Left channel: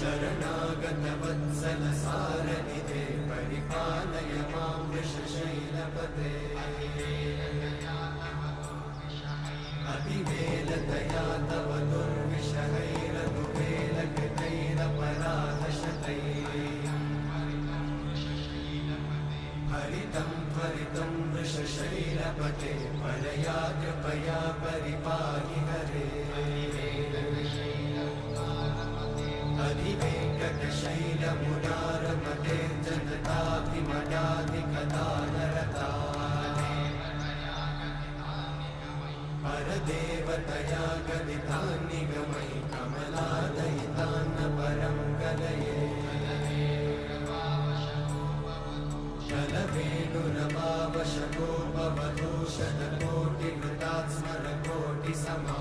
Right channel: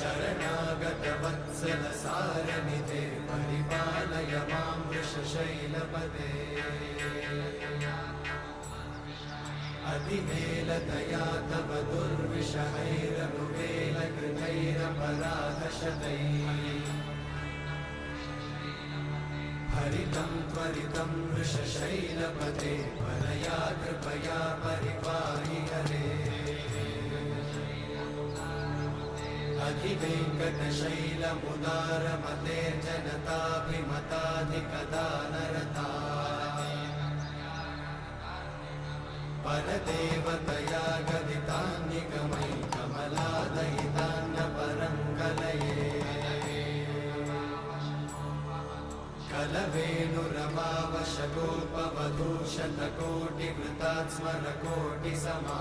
शरणागतवत्सल सारनिधे परिपालय मां वृषशैलपदे अतिवेलदया तव दुर्विषहैरनुवेलकृतैरपराधशतैः हरितं त्वरितं वृषशैलपते परया कृपया परिपाहि हरे अधिवेङ्कटशैलमुदारमते जनताभिमताधिकदानरता परदेवतया गदितान्निगमै कमलादयितान्न परं कलये कलवेणुरमावशतोपवधूशतकोटिवृतात् स्मरकोटिसमा